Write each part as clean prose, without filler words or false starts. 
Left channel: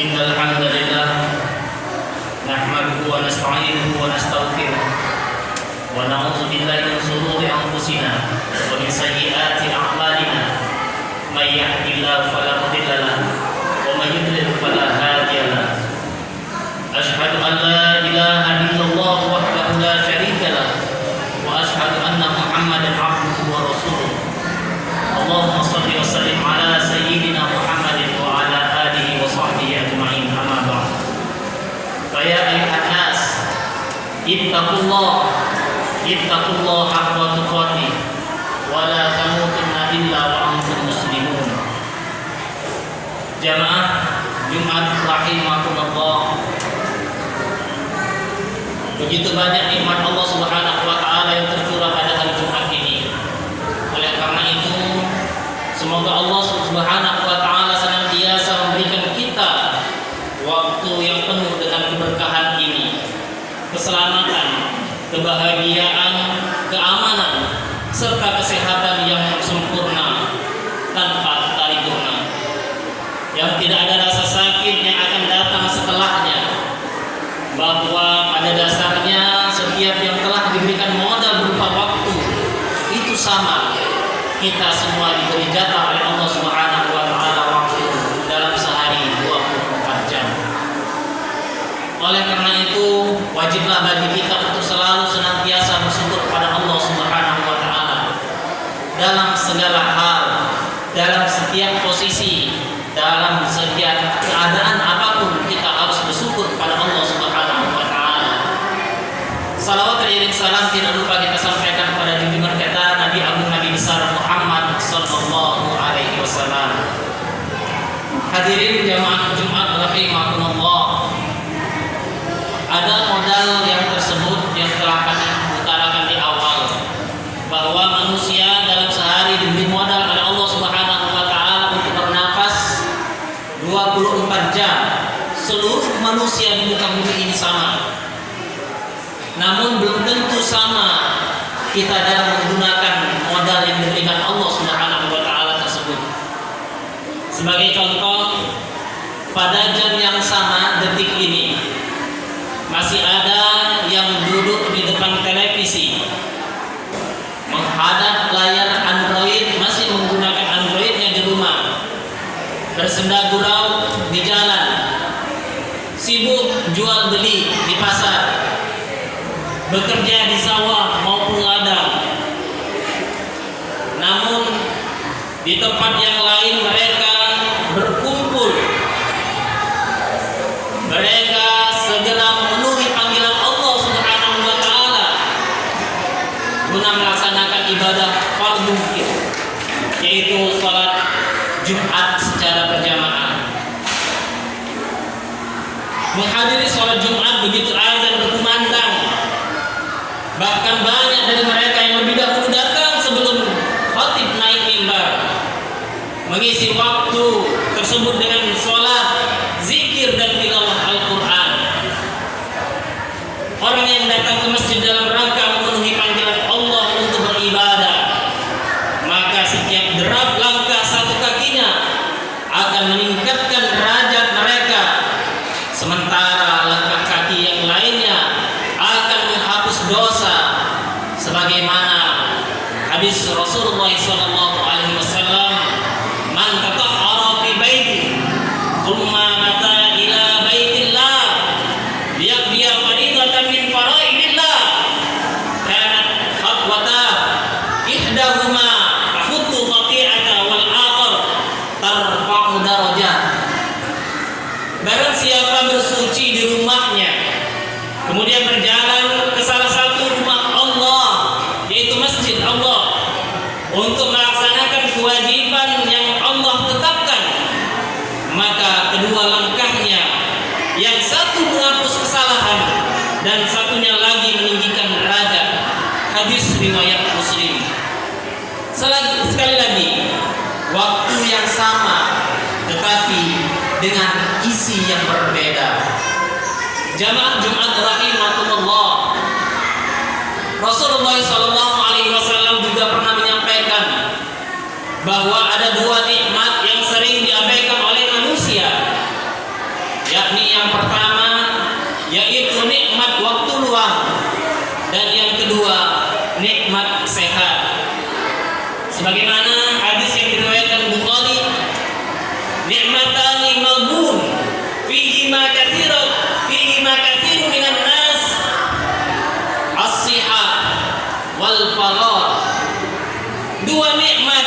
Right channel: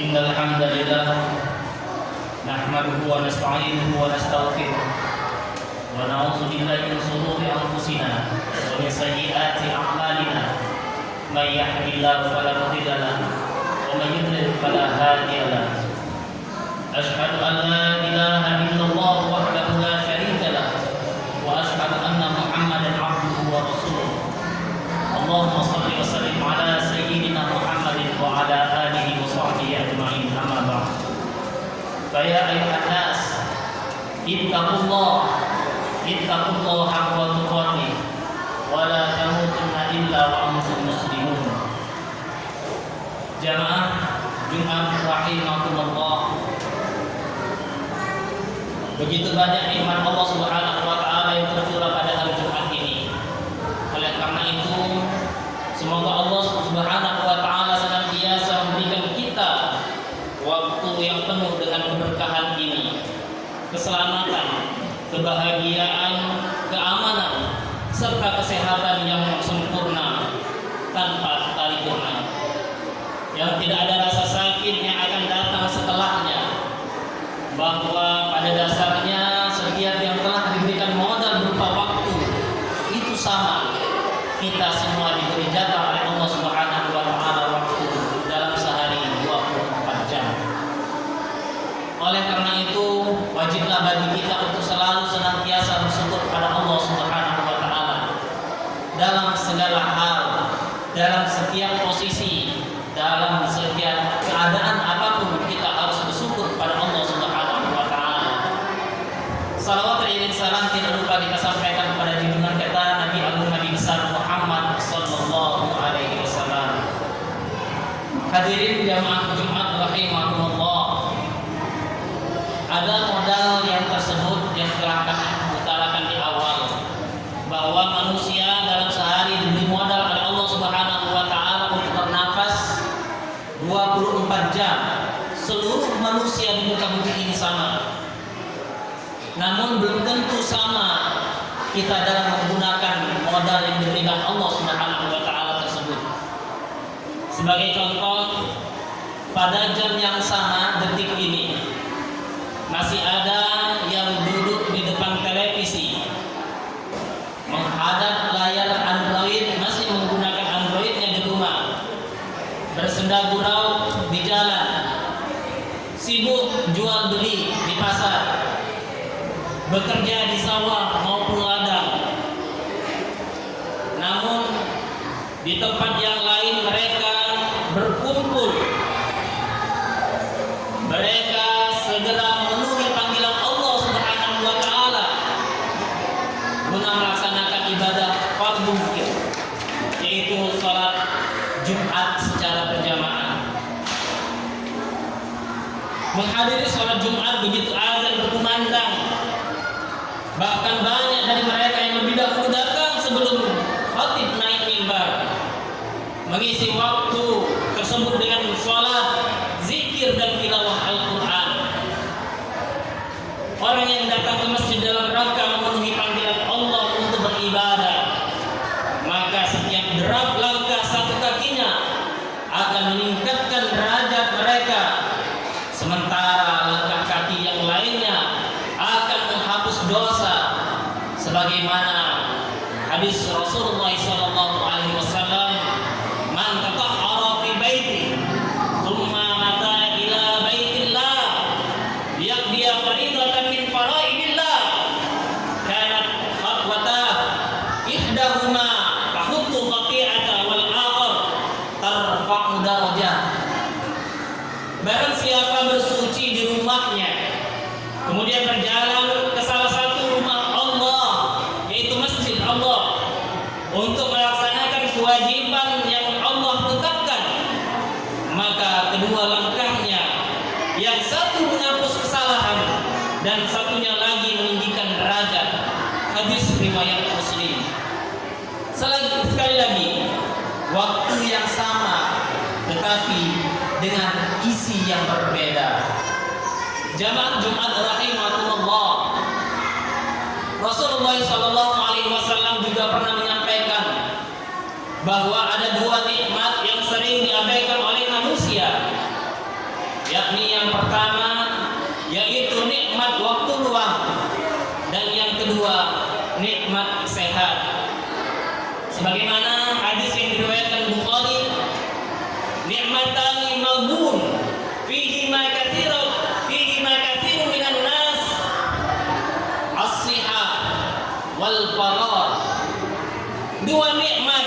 Innal hamdalillah nahmaduhu wa nasta'inuhu wa nastaghfiruh wa na'udzu billahi min shururi anfusina wa min sayyiati a'malina may yahdihillahu fala mudilla lahu wa may yudlil fala hadiya lahu. Asyhadu an la ilaha illallah wahdahu la syarika lahu ittaqullah haqqa tuqatih wa la tamutunna illa wa antum muslimun. Jamaah Jumat rahimakumullah, begitu banyak nikmat Allah Subhanahu wa taala yang tercurah pada hari Jumat ini. Oleh karena itu, semoga Allah Subhanahu wa taala senantiasa memberikan kita waktu yang penuh dengan keberkahan ini, keselamatan, kebahagiaan, keamanan, serta kesehatan yang sempurna tanpa paripurna, yang tidak ada rasa sakit yang akan datang setelahnya, bahwa pada dasarnya setiap yang telah diberikan modal berupa waktu itu sama, kita semua diberi jatah oleh Allah Subhanahu wa taala waktu dalam sehari 24 jam. Oleh karena itu, wajiblah bagi kita untuk selalu senantiasa bersyukur kepada Allah Subhanahu wa taala dalam segala hal, dalam setiap posisi, dalam setiap keadaan apapun kita harus bersyukur kepada Allah Subhanahu wa taala. Salawat teriring salam tidak lupa kita sampaikan kepada junjungan kita Nabi Agung Nabi besar Muhammad sallallahu alaihi wasallam. Hadirin jamaah Jumat rahimakumullah, ada modal yang tersebut yang telah kami utarakan di awal, bahwa manusia dalam sehari diberi modal oleh Allah Subhanahu wa taala untuk bernafas 24 jam. Seluruh manusia di muka bumi ini sama. Namun belum tentu sama kita dalam menggunakan modal yang diberikan Allah Subhanahu wa taala tersebut. Sebagai contoh, pada jam yang sama detik ini masih ada yang duduk di depan televisi, menghadap layar Android, masih menggunakan Androidnya di rumah, bersenda gurau di jalan, sibuk jual beli di pasar, bekerja di sawah maupun ladang. Namun di tempat yang lain mereka berkumpul, mereka segera memenuhi panggilan Allah Subhanahu wa taala guna melaksanakan ibadah fardhu, yaitu salat Jumat secara berjamaah. Menghadiri salat Jumat begitu azan berkumandang, bahkan banyak dari mereka yang lebih dahulu datang sebelum khatib naik mimbar, mengisi waktu tersebut dengan salat, zikir dan tilawah Al-Quran. Orang yang datang ke masjid dalam rangka memenuhi panggilan Allah untuk beribadah, maka setiap derap langkah satu kakinya akan meningkatkan derajat mereka, sementara langkah kaki yang lainnya akan menghapus dosa, sebagaimana hadis Rasulullah sallallahu alaihi wasallam, man tatahhara fi baiti thumma mata ila baitillah liyaqdiya fariidatan min faraidillah kanat khatwata ihdahuma tahuttu khati'ata wal akhar tarfa'u darajat. Barang siapa bersuci di rumahnya kemudian berjalan ke salah satu rumah Allah, yaitu masjid Allah, untuk melaksanakan kewajiban yang Allah tetapkan, maka kedua langkahnya, yang satu menghapus kesalahan dan satunya lagi meninggikan derajat. Hadis riwayat Muslim. Sekali lagi, waktu yang sama tetapi dengan isi yang berbeda. Jamaah Jumat rahimakumullah, Rasulullah sallallahu alaihi wasallam juga pernah menyampaikan bahwa ada dua nikmat yang sering diabaikan oleh manusia, yakni yang pertama yaitu nikmat waktu luang, dan yang kedua nikmat sehat. Sebagaimana hadis yang diriwayatkan Bukhari, nikmatani maghbun fihi ma katsirun minan nas as-sihah wal faragh. Dua nikmat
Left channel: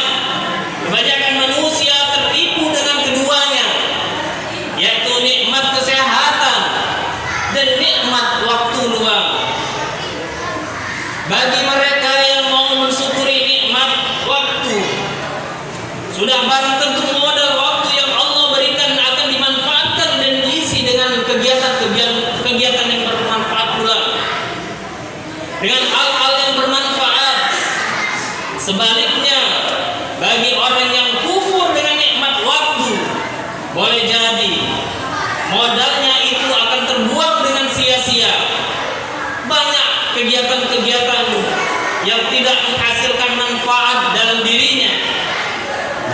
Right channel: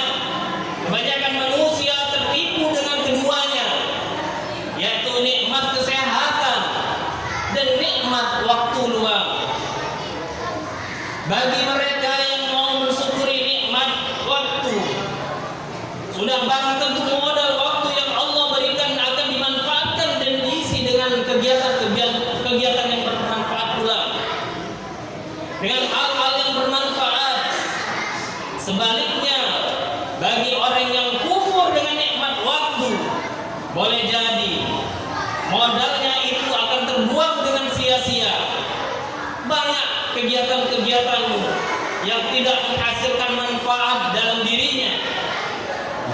kebanyakan manusia tertipu dengan keduanya, yaitu nikmat kesehatan dan nikmat waktu luang. bagi mereka yang mau mensyukuri nikmat waktu, sudah barang tentu modal waktu yang Allah berikan akan dimanfaatkan dan diisi dengan kegiatan yang bermanfaat pula, dengan hal-hal yang bermanfaat. Sebaliknya, bagi orang yang kufur dengan nikmat waktu, boleh jadi modalnya itu akan terbuang dengan sia-sia. Banyak kegiatan-kegiatan yang tidak menghasilkan manfaat dalam dirinya,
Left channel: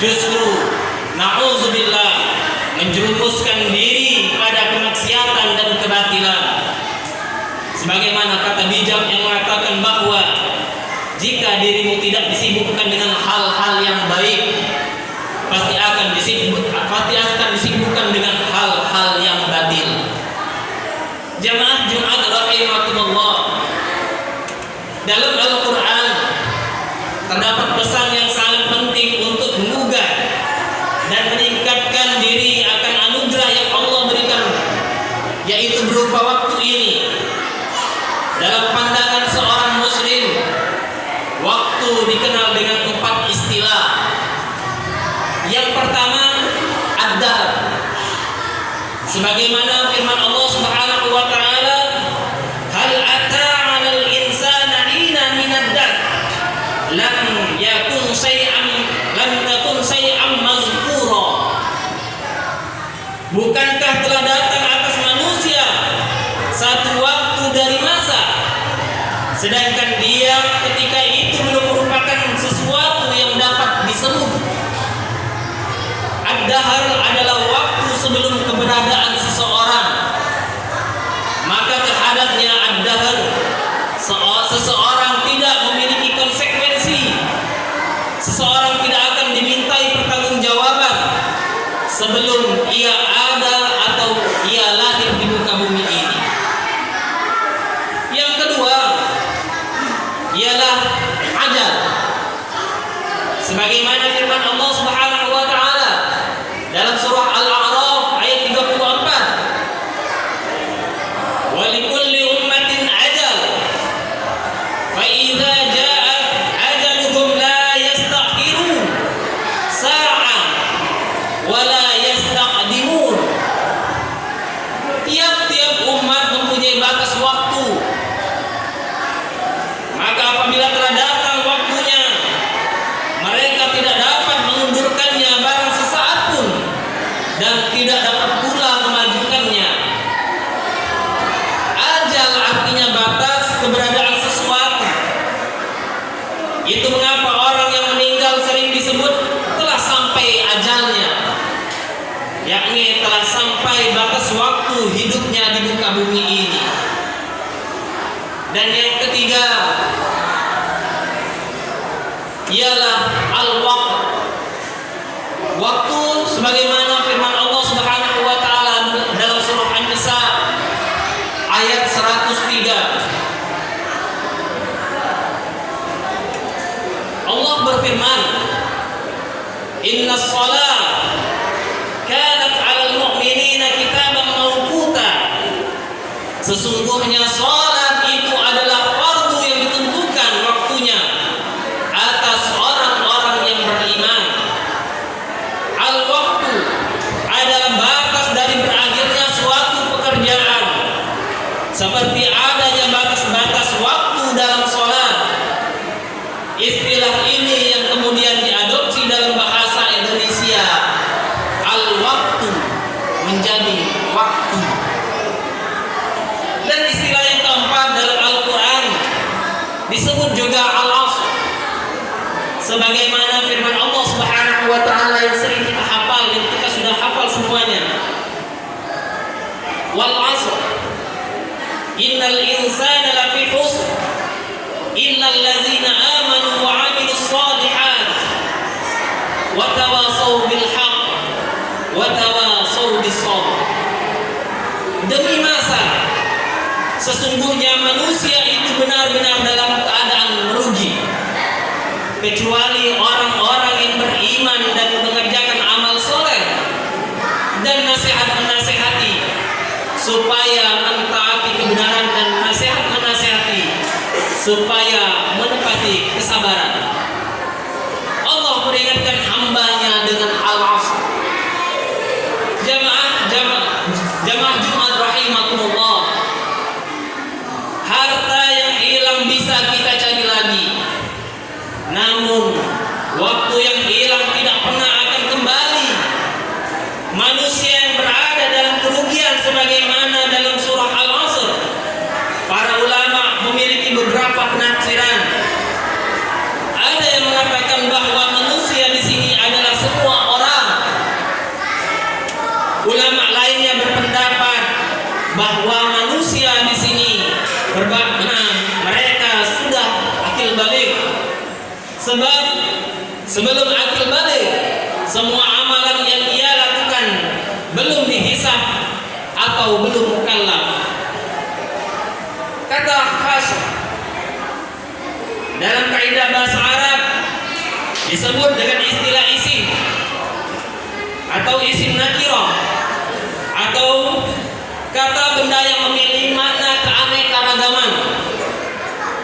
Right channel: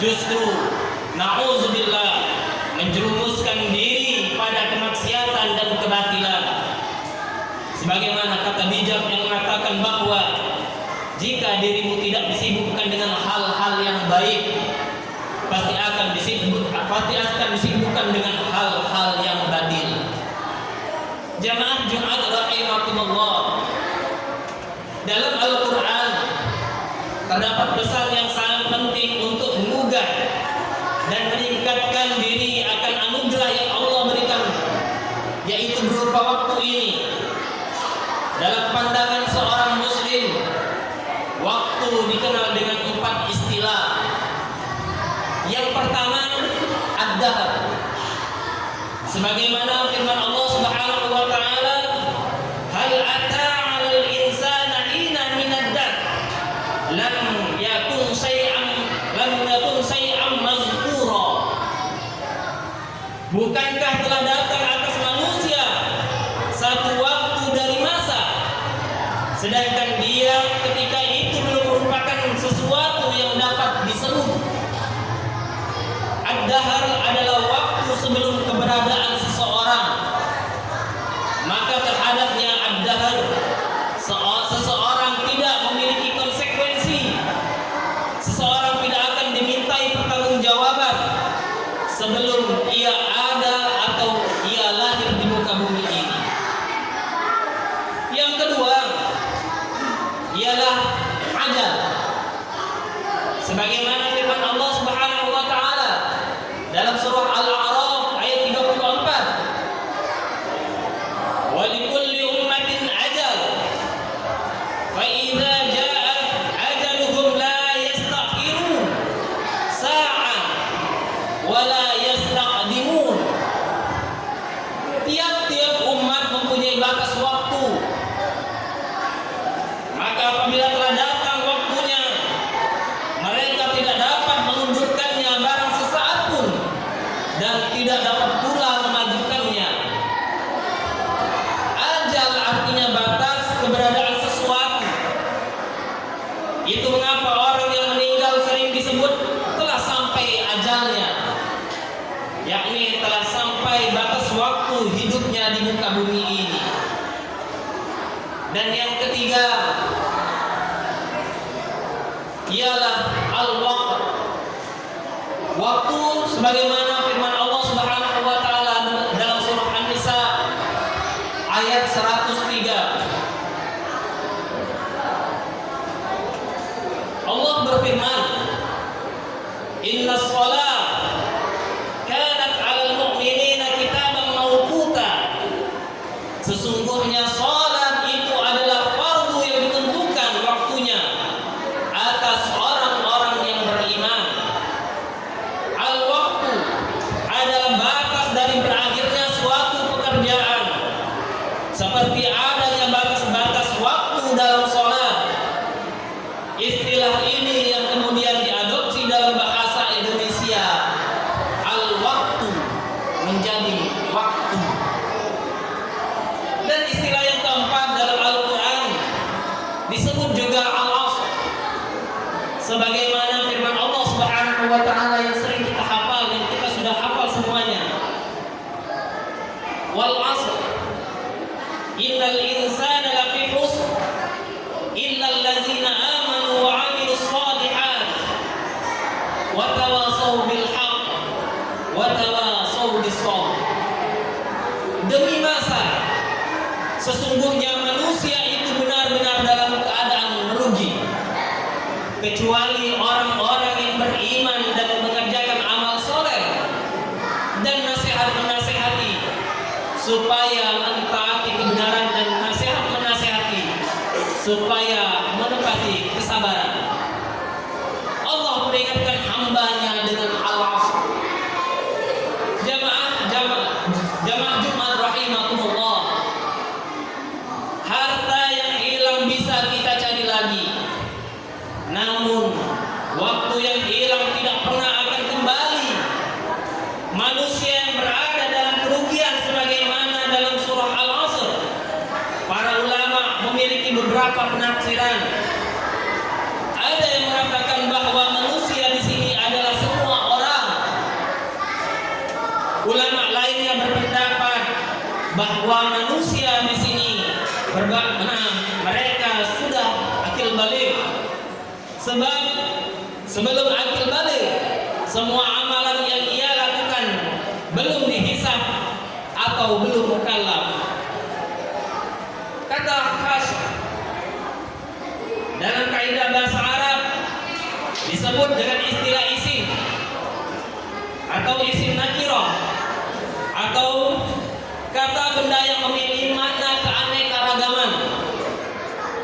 justru na'udzubillah menjerumuskan diri pada kemaksiatan dan kebatilan. Sebagaimana kata bijak yang mengatakan bahwa jika dirimu tidak disibukkan dengan hal-hal yang baik, pasti akan disibukkan dengan hal-hal yang batil. Jamaah Jumat rahimakumullah, dalam Al-Quran terdapat pesan yang sangat penting untuk mengugah dan meningkatkan diri akan anugerah yang Allah berikan, yaitu berupa waktu ini. Dalam pandangan seorang muslim, waktu dikenal dengan 4 istilah. Yang pertama, ad-dahr. Sebagaimana firman Allah Subhanahu wa taala, hal ata 'alal insana hina minad dahr lam yakun syai'an mazkura. Bukankah telah datang atas manusia satu waktu dari masa, sedangkan dia ketika itu belum merupakan sesuatu yang dapat disebut. Ad-dahr adalah waktu sebelum keberadaan seseorang. Maka terhadapnya ad-dahr, seseorang tidak memiliki konsekuensi. Seseorang tidak akan dimintai pertanggungjawaban sebelum ia ada atau ia lahir di muka bumi ini. Yang kedua ialah ajal. Sebagaimana firman Allah Subhanahu wa taala dalam surah Al-A'raf ayat 34, wa likulli ummatin ajal fa idza jaa ajaluhum la yastakhirun sa'an wa la yastaqdimun. Tiap-tiap umat mempunyai batas waktu. Maka apabila telah datang waktunya, mereka tidak dapat mengundurkannya barang sesaat pun, dan tidak dapat pula memajukannya. Ajal artinya batas keberadaan sesuatu. Itu mengapa orang yang meninggal sering disebut telah sampai ajalnya, yakni telah sampai batas waktu hidupnya di muka bumi ini. Dan yang ketiga ialah al-waqt. Waktu sebagaimana firman Allah Subhanahu wa taala dalam surah An-Nisa ayat 103. Allah berfirman, "Innas shalah kanat 'alal mu'minina kitaban mawquta." Sesungguhnya salat itu adalah fardu yang ditentukan waktunya atas orang-orang yang beriman. Al-waqtu adalah batas dari berakhirnya suatu pekerjaan, seperti adanya batas-batas waktu dalam salat. Istilah ini yang kemudian diadopsi dalam bahasa Indonesia. Al-waqtu menjadi waktu. Dan istilah yang keempat dalam Al-Quran disebut juga al-asr. Sebagaimana firman Allah Subhanahu wa taala yang sering kita hafal dan kita sudah hafal semuanya. Wal 'asr innal insana lafi khusr illal ladzina amanu wa 'amilus shalihat wa tawasaw bil haqq wa tawasaw bis sabr. Demi masa, sesungguhnya manusia itu benar-benar dalam keadaan merugi, kecuali orang-orang yang beriman dan mengerjakan amal soleh dan nasihat menasihati supaya mentaati kebenaran dan nasihat menasihati supaya menepati kesabaran. Allah peringatkan hambanya dengan al-asr. Jamaah Jumat rahimakumullah. Harta yang hilang bisa kita cari lagi, namun waktu yang hilang tidak pernah akan kembali. Manusia yang berada dalam kerugian sebagaimana dalam surah Al-Asr. Para ulama memiliki beberapa penafsiran. Ada yang mengatakan bahwa manusia di sini adalah semua orang. Ulama lainnya berpendapat bahwa manusia di sini mereka sudah akil balik. Sebab sebelum akil balik, semua amalan yang ia lakukan belum dihisab atau belum mukallaf. Kata Hasyim dalam kaidah bahasa Arab disebut dengan istilah isim atau isim nakirah, atau kata benda yang memiliki makna keanekaragaman,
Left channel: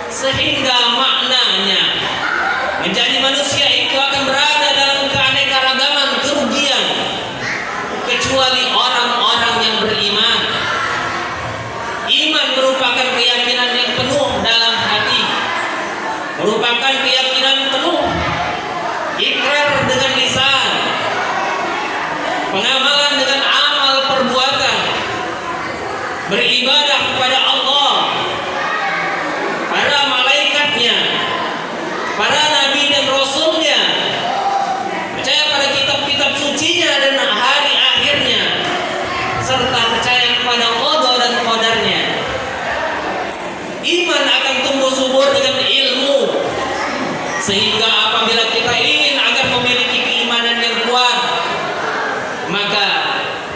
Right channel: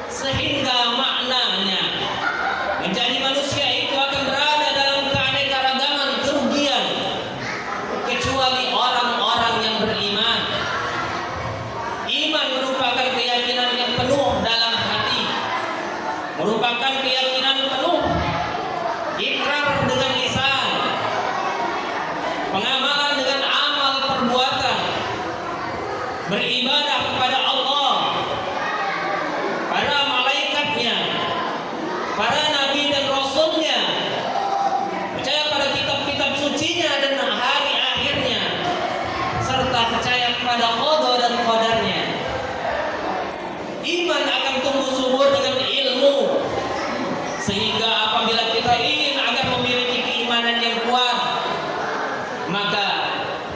sehingga maknanya menjadi manusia itu akan berada dalam keanekaragaman kerugian, kecuali orang-orang yang beriman. Iman merupakan keyakinan yang penuh dalam hati, merupakan keyakinan penuh, ikrar dengan lisan, pengamalan dengan amal perbuatan, beribadah kepada Allah, para malaikatnya, para nabi dan rasulnya, percaya pada kitab-kitab sucinya dan hari akhirnya, serta percaya kepada qada dan qadarnya. Iman akan tumbuh subur dengan ilmu, sehingga apabila kita ingin agar memiliki keimanan yang kuat, maka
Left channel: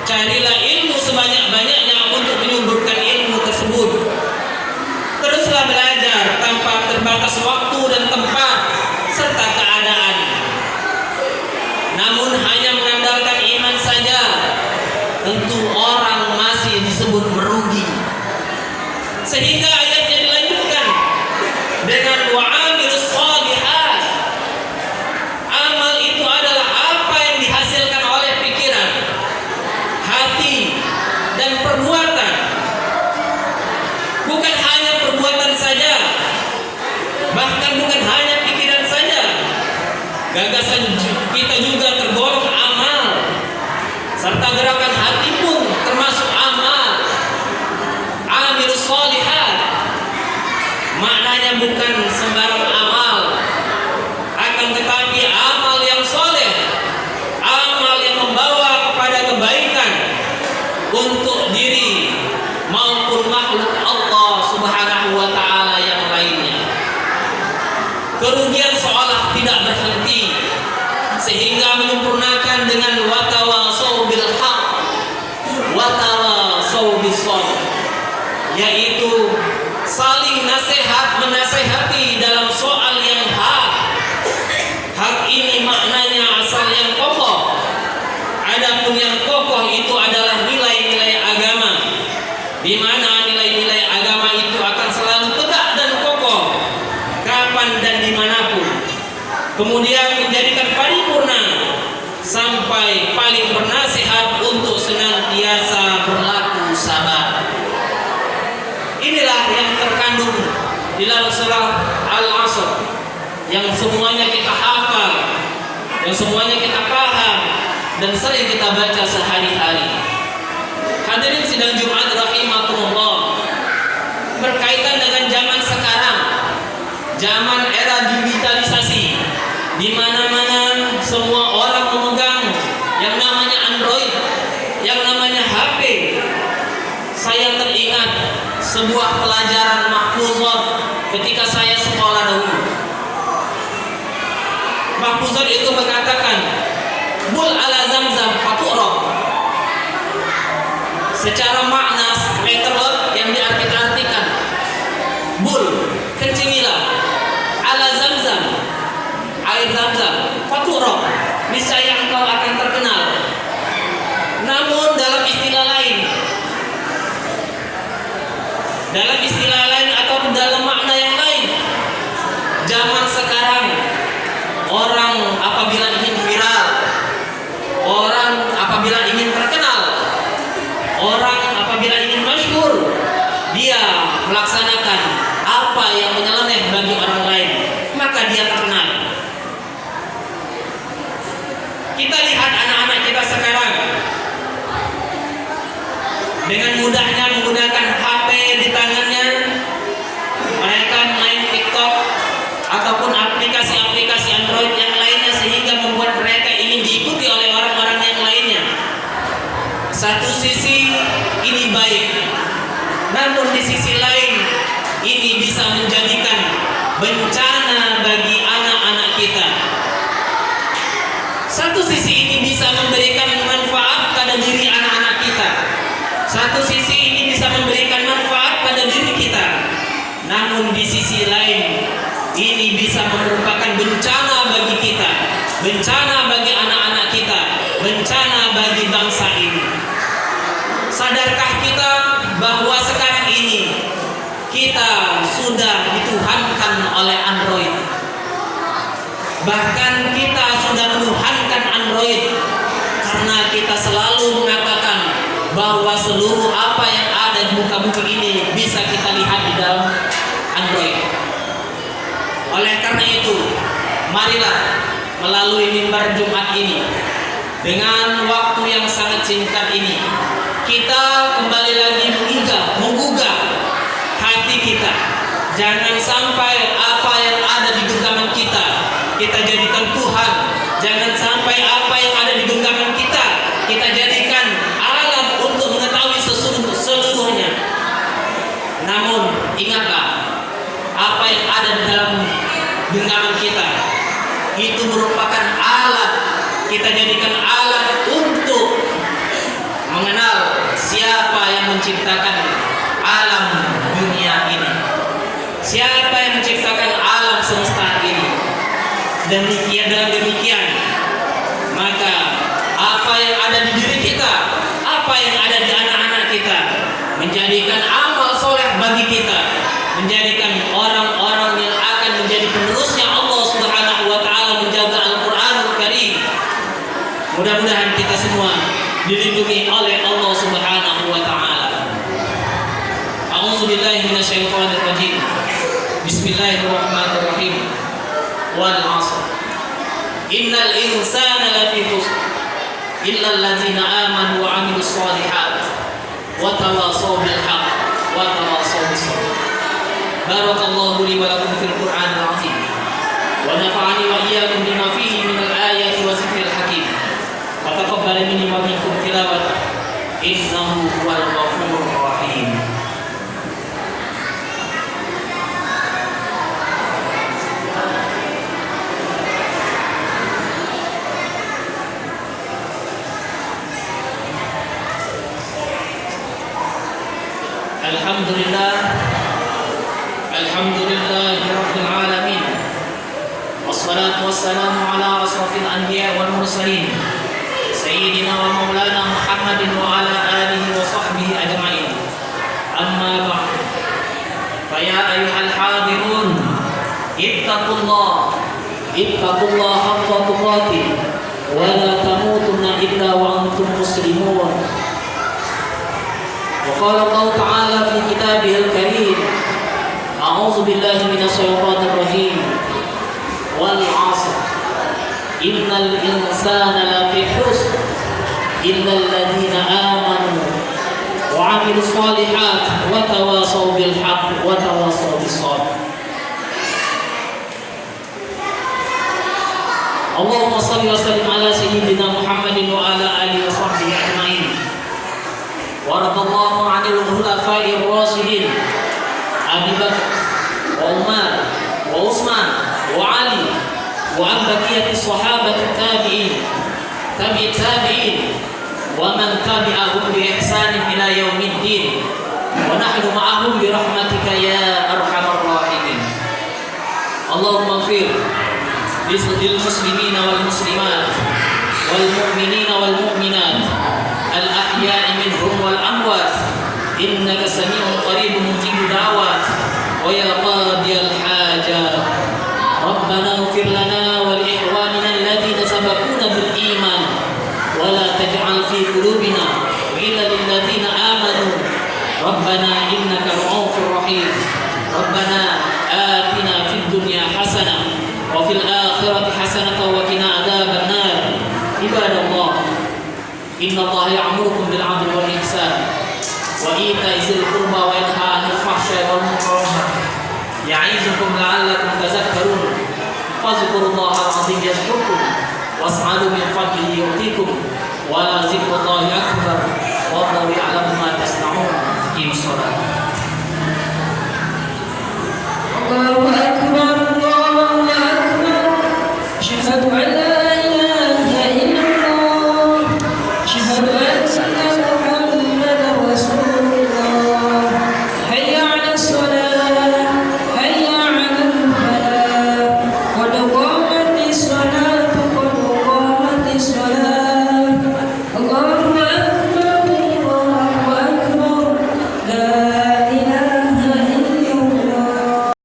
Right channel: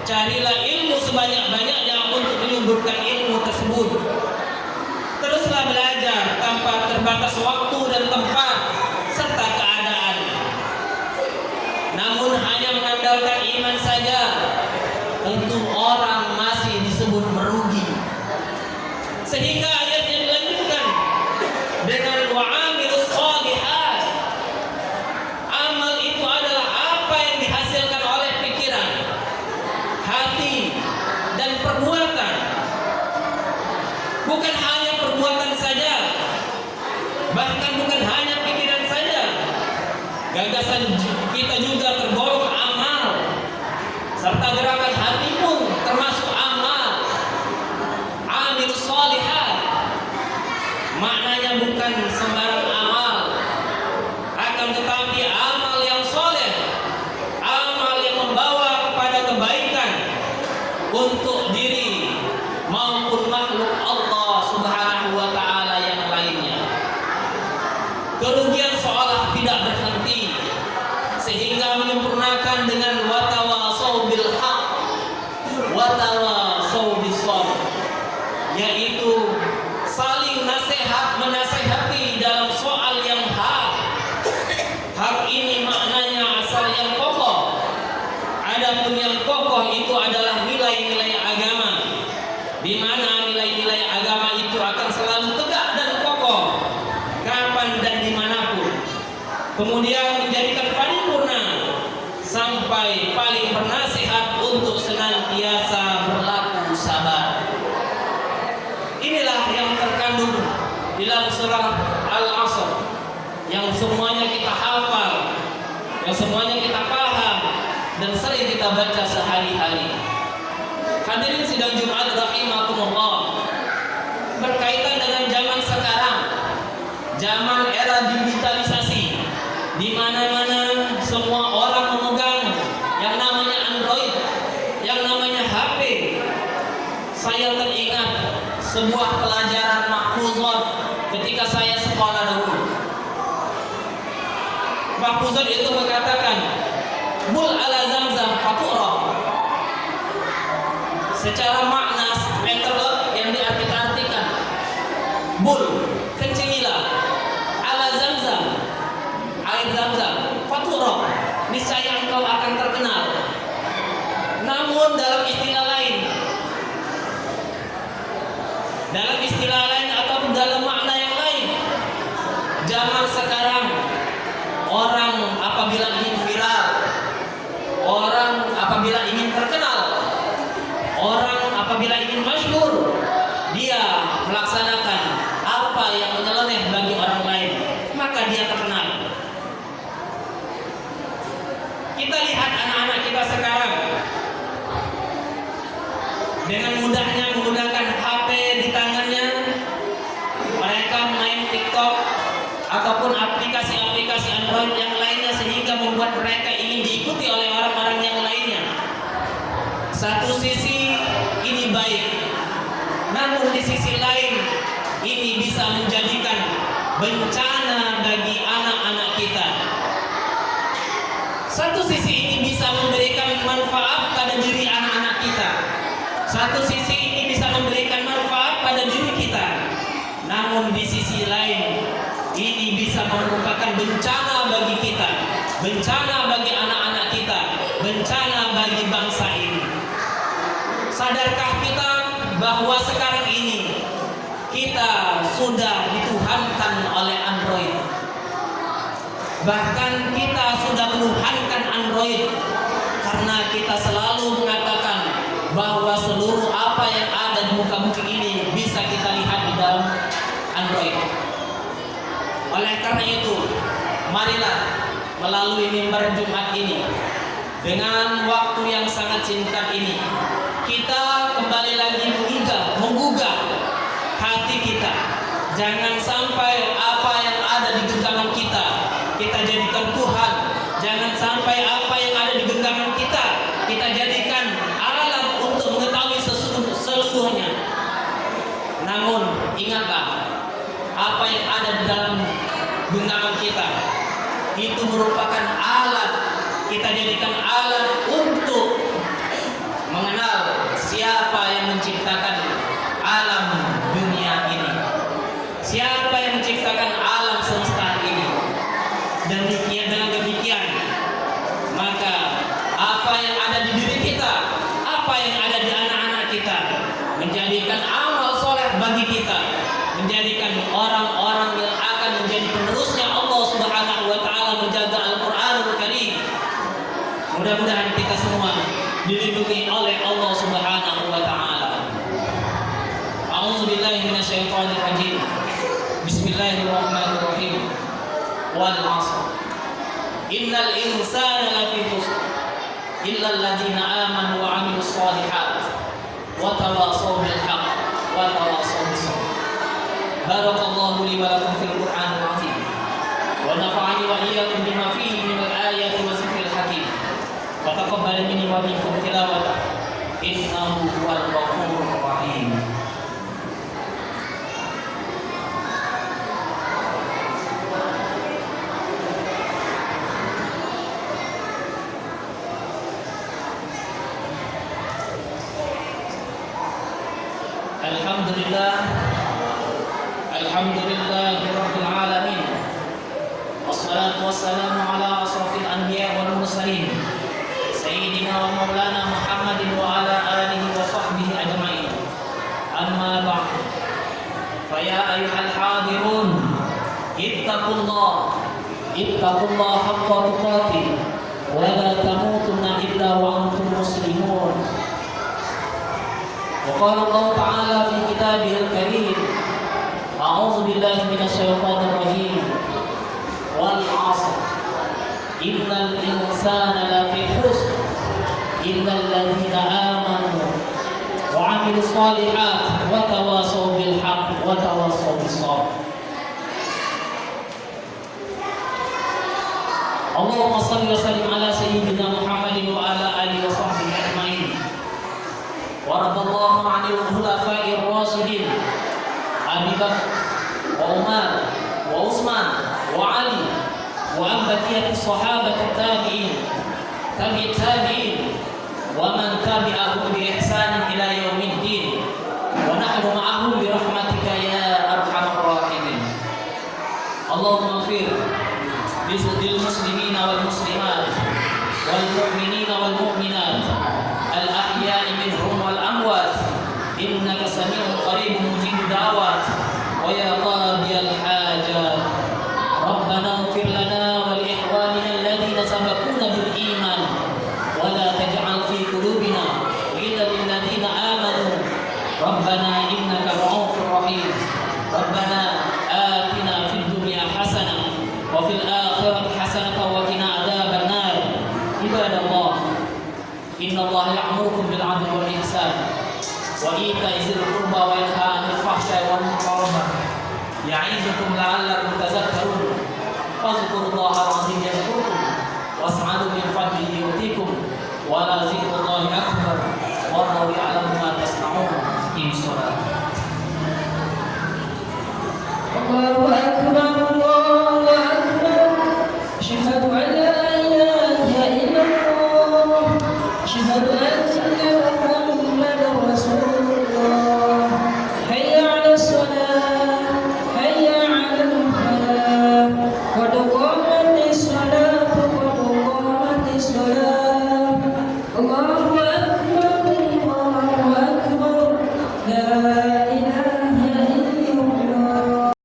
carilah ilmu sebanyak-banyaknya untuk menyuburkan ilmu tersebut. Teruslah belajar tanpa terbatas waktu dan tempat serta keadaan. Namun hanya mengandalkan iman saja, tentu orang masih disebut merugi. Sehingga ayatnya dilanjutkan dengan wa'amilus shalihat. Amal itu adalah apa yang dihasilkan oleh pikiran, hati, dan perbuatan. Bukan hanya perbuatan saja, bahkan bukan hanya pikiran saja. Gagasan kita juga tergolong amal, serta gerakan hati pun termasuk amal. Amilus shalihat maknanya bukan sembarang amal, akan tetapi amal yang soleh, amal yang membawa kepada kebaikan untuk diri maupun makhluk Allah Subhanahu wa ta'ala yang lainnya. Kerugian seolah tidak berhenti, sehingga menyempurnakan dengan watawasau bil haq watawasau bis sabr, yaitu saling nasihat menasehati dalam soal yang hak. Hak ini maknanya asal yang kokoh. Adapun yang kokoh itu adalah nilai-nilai agama, di mana nilai-nilai agama itu akan selalu tegak dan kokoh kapan dan dimanapun, kemudian menjadikan paripurna sampai paling bernasihat untuk senantiasa berlaku sabar. Inilah yang terkandung di dalam surah Al-Asr, yang semuanya kita hafal, yang semuanya kita paham dan sering kita baca sehari-hari. Hadirin sidang Jumat rahimakumullah, berkaitan dengan zaman sekarang, zaman era digitalisasi, di mana-mana semua orang memegang yang namanya Android, yang namanya HP. Saya teringat sebuah pelajaran mahfuzat ketika saya sekolah dahulu. Mahfuzat itu mengatakan bul ala zamzam fatu'rab. Secara makna literal yang diartikan, bul, kencinglah, ala zamzam, air zamzam, fatu'rab, niscaya engkau akan terkenal. Namun dalam istilah lain atau dalam makna yang lain, zaman sekarang orang apabila ingin viral, orang apabila ingin terkenal, orang apabila ingin masyhur, dia melaksanakan apa yang menyeleneh bagi orang lain, maka dia terkenal. Kita lihat anak-anak kita sekarang dengan mudahnya menggunakan HP di tangannya, mereka main TikTok ataupun aplikasi-aplikasi Android yang lainnya, sehingga membuat mereka ingin diikuti oleh orang-orang yang lainnya. Satu sisi ini baik, namun di sisi lain ini bisa menjadikan bencana bagi anak-anak kita. Satu sisi ini bisa memberikan manfaat pada diri anak-anak kita. Satu sisi ini bisa memberikan manfaat pada diri kita. Namun di sisi lain ini bisa merupakan bencana bagi kita, bencana bagi anak-anak kita, bencana bagi bangsa ini. Sadarkah kita bahwa sekarang ini kita sudah dituhankan oleh Android? Bahkan kita sudah menuhankan Android karena kita selalu mengatakan bahwa seluruh apa yang ada di muka bumi ini bisa kita lihat di dalam Android. Oleh karena itu, marilah melalui mimbar Jumat ini, dengan waktu yang sangat singkat ini, kita kembali lagi menggugah hati kita. Jangan sampai apa yang ada di genggaman kita jadikan Tuhan. Jangan sampai apa yang ada di genggaman kita jadikan alat untuk mengetahui seluruhnya. Namun ingatlah, apa yang ada di dalam genggaman kita itu merupakan alat, kita jadikan alat untuk mengenal siapa yang menciptakan alam dunia ini, siapa yang menciptakan alam semesta ini. Demikian maka apa yang ada di diri kita, apa yang ada di anak-anak kita, menjadikan amal soleh bagi kita, menjadikan orang-orang yang akan menjadi penerusnya Allah Subhanahu wa taala, menjaga Al-Qur'anul Karim. Mudah-mudahan kita semua dilindungi oleh Allah Subhanahu wa taala. A'udzu billahi minasyaitonir rajim. Bismillahirrahmanirrahim. Wal 'asr. Innal insana lafi khusr illa allazina amanu wa 'amilus shalihat wa tawassaw bil haqq wa tawassaw bis sabr. Barakallahu li wa lakum fil Qur'anil 'azim wa nafa'ani wa iyyakum bima fihi minal ayati wa zikril hakim. Fataqabbal minni wa minkum tilawata innahu huwal ghafurur rahim. Alhamdulillahi rabbil alamin. Wassalatu wassalamu ala asrafil anbiya wal mursalin, sayyidina wa maulana Muhammadin wa ala alihi wa sahbihi ajma'in. Amma ba'd. Fa ya ayyuhal hadirun, ittaqullaha haqqa tuqatih wa la tamutunna illa wa antum muslimun. وقال الله تعالى في كتابه الكريم: أعوذ بالله من الشيطان الرجيم والعصر إن الإنسان لفي خسر إلا الذين آمنوا وعملوا الصالحات وتواصوا بالحق وتواصوا بالصبر. اللهم صل وسلم على سيدنا محمد وعلى آله وصحبه أجمعين. وارض الله عن الخلفاء الراشدين أبي بكر وعمر وعثمان وعلي وعن بقية الصحابة التابعين ومن تبعهم بإحسان إلى يوم الدين ونحن معهم برحمتك يا أرحم الراحمين. اللهم اغفر للمسلمين والمسلمات والمؤمنين والمؤمنات الأحياء منهم والأموات إنك سميع قريب مجيب الدعوات ويا قاضي الحاجات ربنا اغفر لنا ولإخواننا الذين سبقونا بالإيمان ولا تجعل في قلوبنا غلا للذين آمنوا ربنا إنك رؤوف رحيم ربنا آتنا في الدنيا حسنة وفي الآخرة حسنة وقنا عذاب النار عباد الله إن الله يأمركم بالعدل والإحسان وإيتاء ذي القربى وينهى عن الفحشاء والمنكر يعظكم لعلكم تذكرون فاذكروا الله العظيم يذكركم واسألوا من فضله يؤتيكم ولذكر الله أكبر والله يعلم ما تصنعون. أقيموا الصلاة. الله أكبر.